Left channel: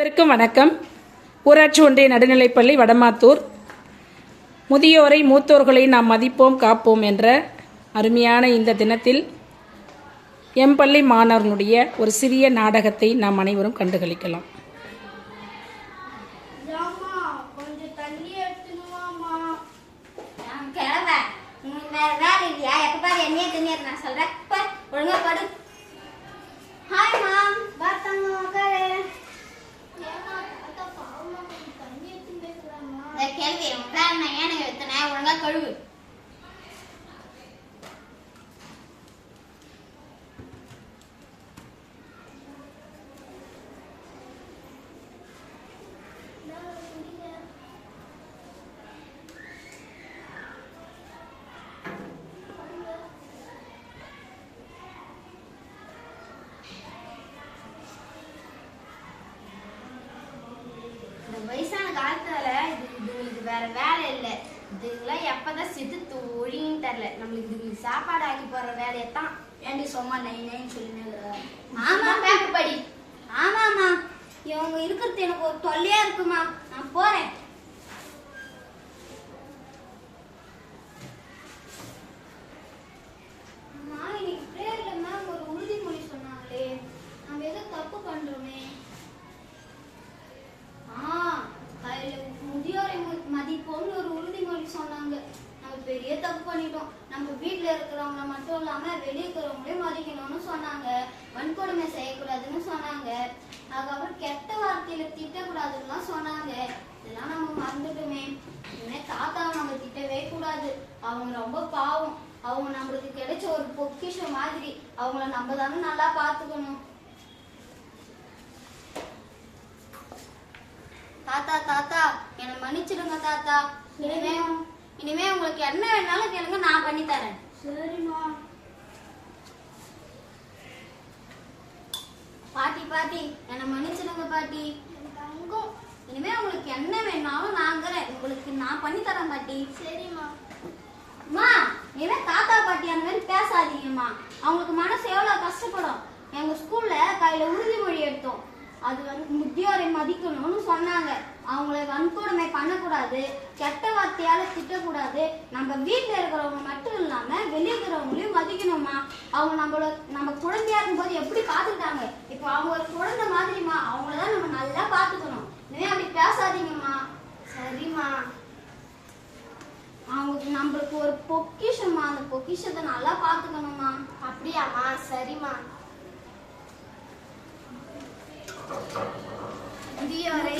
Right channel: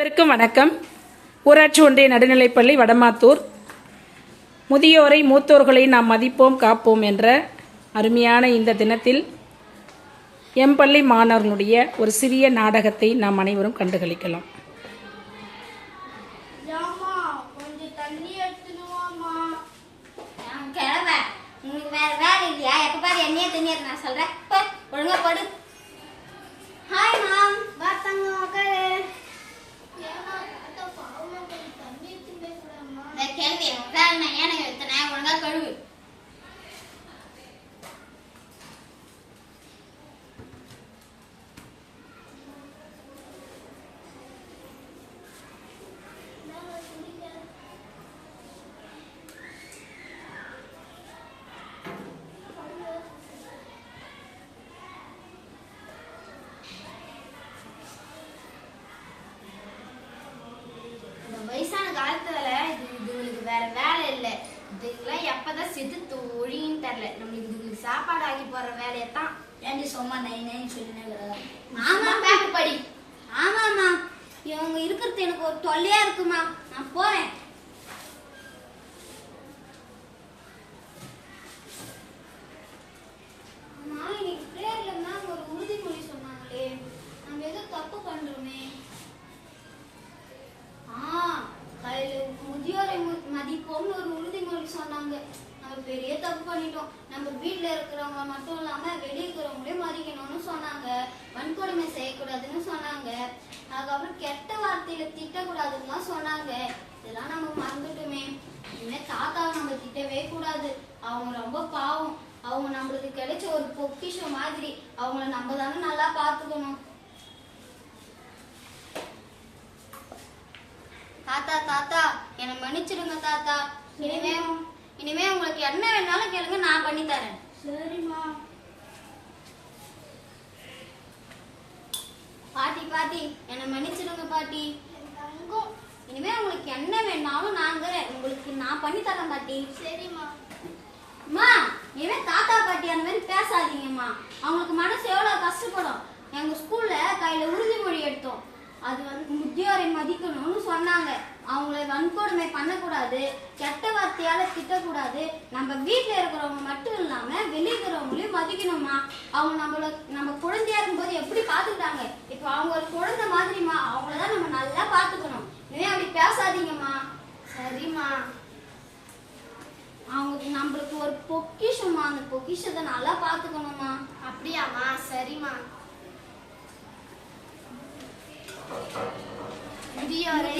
அனைவருக்கும் வணக்கம். ஊராட்சி ஒன்றிய நடுநிலைப்பள்ளி வடமாத்தூர். முதியோரை மூத்தோர்களை நாம் மதிப்போம் காப்போம் என்ற அருமையான இந்த தினத்தில் எம்பள்ளி மாணவர்களுடைய ஒரு சிறிய நாடகத்தை நாம் அனைவரும் கண்டுகளிக்கலாம். கழுவு வயசான காலத்துல இதுங்களுக்கு வேற வேலை இல்லை. இதுங்களாம் எப்பதான் செத்து ஒழின்னு தெரியல. நம்மளுக்கு இதுங்களுக்கு சாப்பாடு ஆக்கி போடுற வேலையத்தான் ஏண்டி சும்மா நைன்னு சொல்லினு. ஆமா பேப்பர் படி. ஆமாம்மா, இவங்க இருக்கிறது எனக்கு ஒரு தொல்லையா இருக்குமா. நான் போறேன். அம்மா, இன்னைக்கு பிரேயர்ல மேம் ஒரு உறுதிமொழி சொன்னாங்களே, நம்ம ஏதோ தப்பு பண்றோமே. முதியோரை மதிப்போம்னு ஒரு உறுதிமொழி சொன்னாங்க. நம்ம பெரிய தப்பு பண்ணிட்டோம். நம்ம வீட்டுல இருக்கிறவங்க மட்டும் இல்லாம வெளியே இருக்கிறவங்களே மதிக்கணும்னு சொன்னாங்க. வன்கொடுமை செய்யக்கூடாதுன்னு சொன்னாங்க. அதுக்கப்புறம் கெட்ட வார்த்தையில திட்டக்கூடாதுன்னு சொன்னாங்க. இதெல்லாம் நம்ம மறந்துட்டோமே. இனிமே தாத்தா நம்ம திட்டவே கூடாது. அவங்க ரொம்ப பாவம். அவங்க நம்மளுக்கு கிடைச்ச ஒரு பொக்கிஷம் மாதிரி. அவங்கள நம்ம தானே நல்லா பாத்துக்கணும். தாத்தா தாத்தா என்னை மன்னிச்சிடுங்க தாத்தா. இனிமே உங்களுக்கு என்ன வேணாலும் கேளுங்க, நான் பண்ணி தரேன். சரிம்மா. பாட்டி பாட்டி என்னை மன்னிச்சிடுங்க பாட்டி. தங்கம், இனிமே உங்களுக்கு என்ன வேணாலும் உங்களுக்கு நான் பண்ணி தரேன் பாட்டி. சரிம்மா. அம்மா, இனிமே தாத்தா பாட்டி அந்த மாதிரி பேசாதீங்கம்மா. அவங்களுக்கு மனசு எவ்வளவு கஷ்டப்படும். எங்க ஸ்கூல்ல கையில உறுதிமொழி எடுத்தோம். அது முதியோரை மதிக்கணும்னு சொன்னாங்க. அவங்கள வன்கொடுமை பண்ணக்கூடாது, கெட்ட வார்த்தையால திட்டக்கூடாது. நம்ம வீட்டுல இருக்கிறவங்க மட்டும் இல்லாம வெளியே இருக்கிறவங்களையும் மதிக்கணுமா. அவங்க நம்ம குழந்தையா இருக்கும்போது எப்படி பாத்துக்கிட்டாங்க, இப்ப அவங்க ஒரு குழந்தை மாதிரிமா. அவங்களதான் நம்ம நல்லா பாத்துக்கணும். இனிமே அப்படி பேசாதீங்கம்மா. சரிம்மா. அவங்க நம்மளுக்கு ஒரு பொக்கிஷமா, அந்த பொக்கிஷத்தை நல்லா பாத்துக்கணுமா. அப்படியாம்மா. சரிம்மா. முதியோரை